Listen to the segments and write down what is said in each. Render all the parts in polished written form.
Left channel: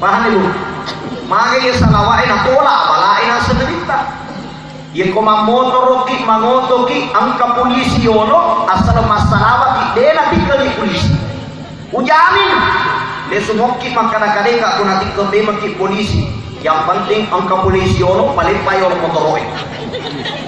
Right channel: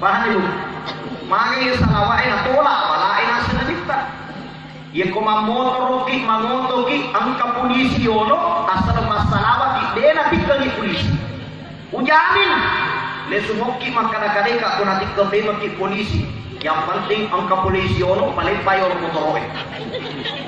Paham ibu? Mangin salawai na tola balai na sedelita. Ye koma motoroki mangotoki angka polisi ono asal masalah di dena dikali polisi. Ujamin le sumoki makana kadeka kuna dikali maki polisi. Yang penting angka polisi ono paling payor motoroi.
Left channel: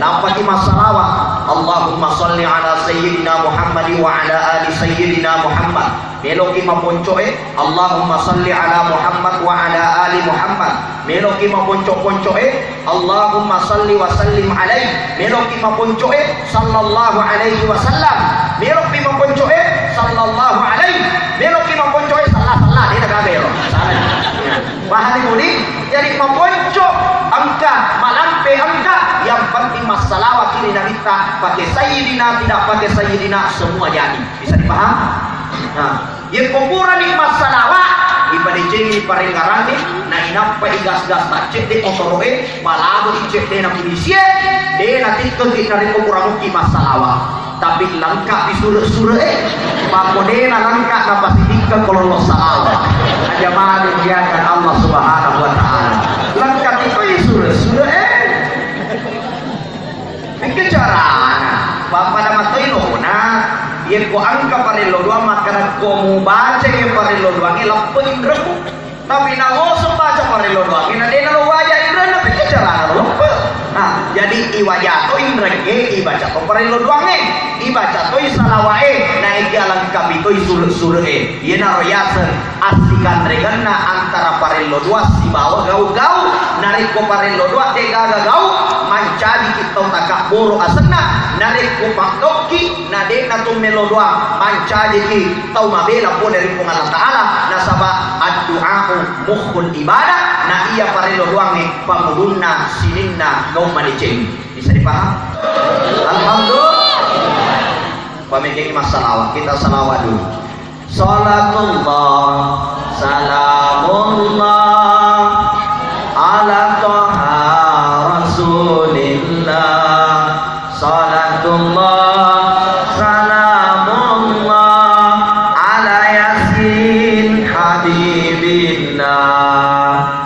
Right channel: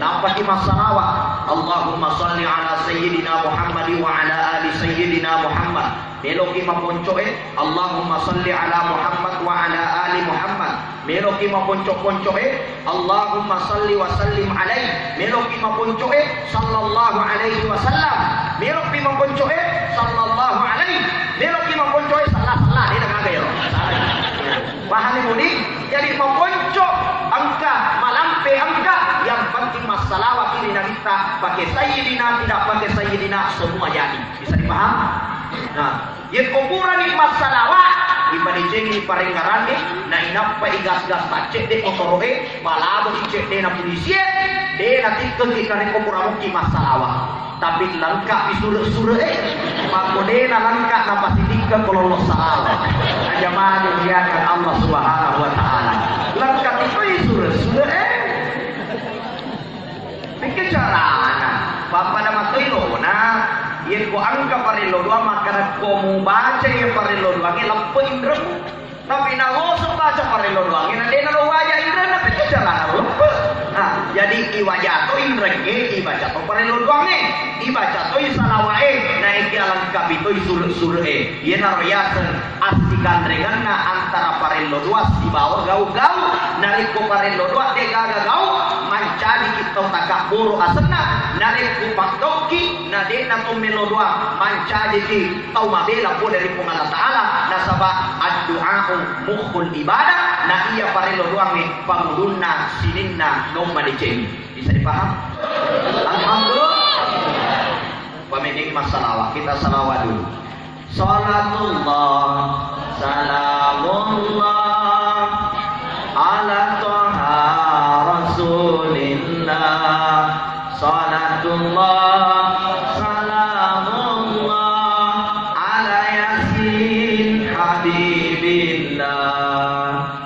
Napati masalah Allahumma salli ala sayyidina Muhammad wa ala ali sayyidina Muhammad. Meloki maponcoe Allahumma salli ala Muhammad wa ala ali Muhammad. Meloki maponcoe Allahumma salli wa sallim alaihi. Meloki maponcoe sallallahu alaihi wasallam. Meloki maponcoe sallallahu alaihi. Meloki maponcoe salah dia dah gagal. Paham ini? Jadi maponco angka malampe angka yang penting masalah kini nabita pakai sayyidina tidak pakai sayyidina semua jadi. Bisa dipaham? Nah, yang kuburan ni masalah ibadah jadi parengarani na inapa igas-gas tacek de otoroe balabo icek de na polisi de nanti ke kari kuburan ki masalah tapi lengkap di surah pakodena lengkap na pasidika kalau salah jamaah dimuliakan Allah Subhanahu wa taala lengkap itu surah pikir cara bapak nama telo yang ko angka parelo dua maka ko mu baca yang parelo dua ni lampu indramu tapi na ngoso baca parelo dua ni na lo wajah indra na pikir cara lupa. Nah jadi iwajah to indra ke ibaca ko parelo dua ni ibaca to salawae na ikialan kapito isure ye na royasen asikan regana antara parelo dua si bawa gau-gau narik ko parelo dua de gaga-gau mancadi kita takak boro asena narik ko pakdoki na de na to melo doa mancadi ki tau mabela po dari Allah Taala nasaba ad-du'a mukhul ibadah na iya parelo doang ni pamudunna sininna no manijeng bisa dipaham. Alhamdulillah pamijeng masalah kita salawat dulu salatullah salamullah ala toha rasulillah salatullah salamullah ala yasin habibillah.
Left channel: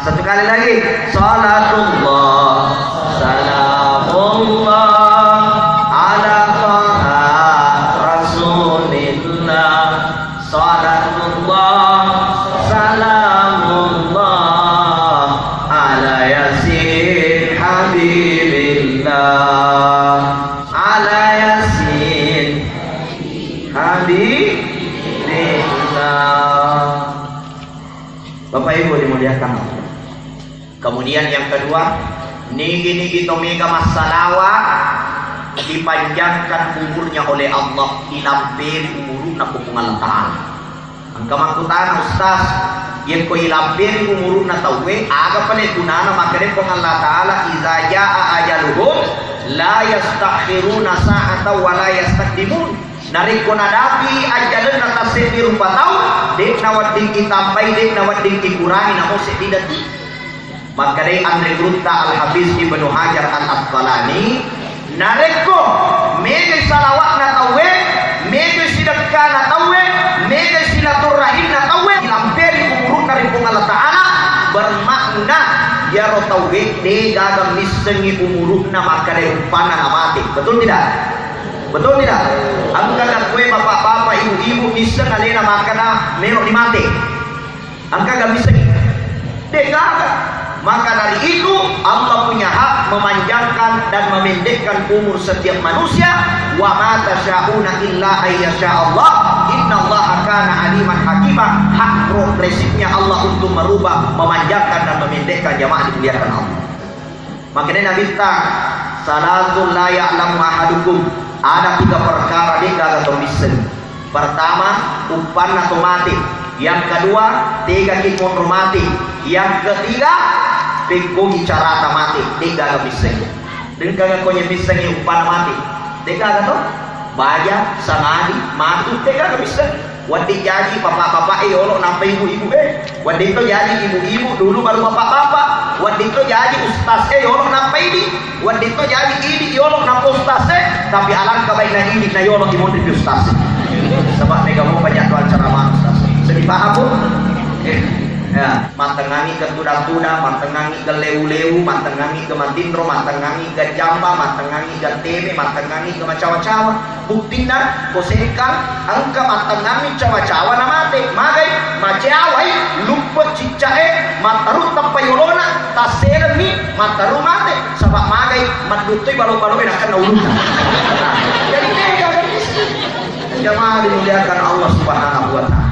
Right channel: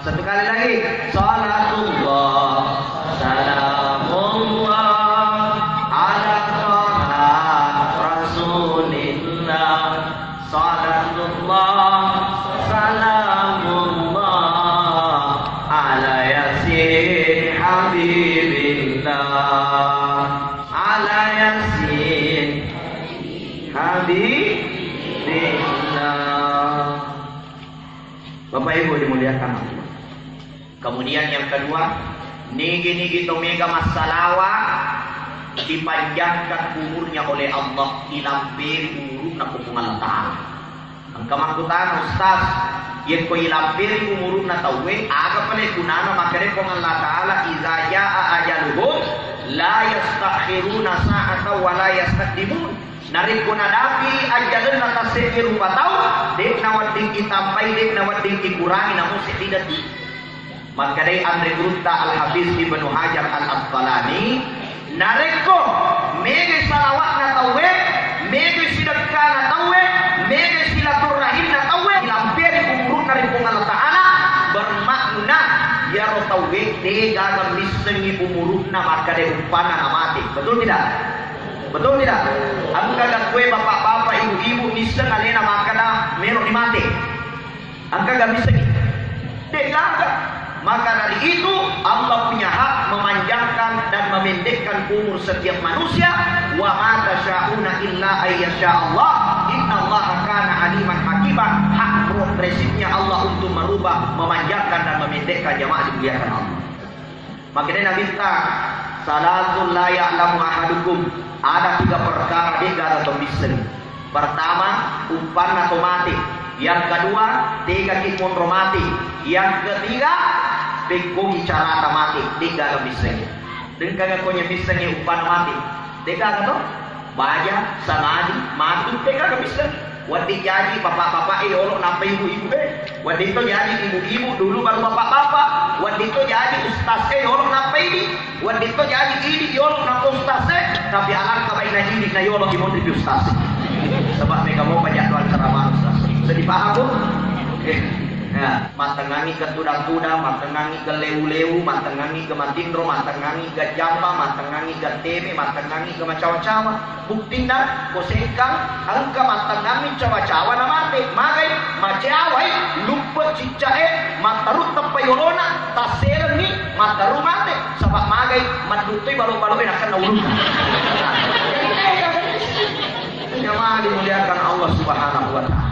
Satu kali lagi salatullah salamullah ala toha rasulillah salatullah salamullah ala yasin habibillah ala yasin habibillah. Bapak Ibu dimuliakan. Kemudian yang kedua, nigi tomega masalah dipanjangkan umurnya oleh Allah, dilampiri umurna kupungan Ta'ala. Ang kamakutan ustaz yang ko ilampiri umurna tawe aga pale kunana makare pungan Ta'ala iza jaa ajaluhum la yastakhiruna sa'ata wa la yastaqdimun. Narik ko nadapi ajalan nata sepi rupa tau dek nawat dingki tampai dek nawat dingki kurangi namo setidak di maka dari Andre Grunta Al-Hafiz Ibnu Hajar Al-Asqalani narik ko mege salawat na tawe mege sidakah na tawe mege silaturahim na tawe ilampiri umurna rin Allah Ta'ala bermakna ya ro tawe de gagang misengi umurna maka dari upana amati. Betul tidak? Betul tidak? Aku kata kue bapak-bapak, ibu-ibu miseng alena makana merok di mati. Angka gak bisa dia gak. Maka dari itu Allah punya hak memanjangkan dan memendekkan umur setiap manusia. Wa ma tasyauna illa ayyasha Allah. Innallaha kana aliman hakimah. Hak progresifnya Allah untuk merubah, memanjangkan dan memendekkan jamaah dimuliakan Allah. Makanya Nabi kita salatul la ya'lamu ahadukum. Ada 3 perkara dia gak bisa. Pertama, umpan atau mati. Yang kedua, 3 kipon mati. Yang ketiga, pekong bicara mati. Dia gak bisa. Dan kagak konya bisa umpan mati. Dia gak tahu. Baja, samadi, mati. Dia gak bisa. Wadi jadi bapak-bapak orang nampak ibu-ibu Wadi itu jadi ibu-ibu dulu baru bapak-bapak. Wadi itu jadi ustaz orang nampak ini. Wadi itu jadi ini orang nampak ustaz tapi alangkah baiknya ini na orang di mondri ustaz. Sebab mereka mau banyak tuan ceramah ustaz. Sedih paham bu? Ya, matengangi ke kuda-kuda, matengangi ke leu-leu, matengangi ke matindro, matengangi ke jamba, matengangi ke tebe, matengangi ke macawa-cawa. Buktina kosekan angka matengangi cawa-cawa na mate, magay macaway lupot cicae matarut papayolona tasermi mataru mate sabak magay madutoy balu-baluin akan naulutan. Jadi mereka jamaah dimuliakan Allah Subhanahu wa taala.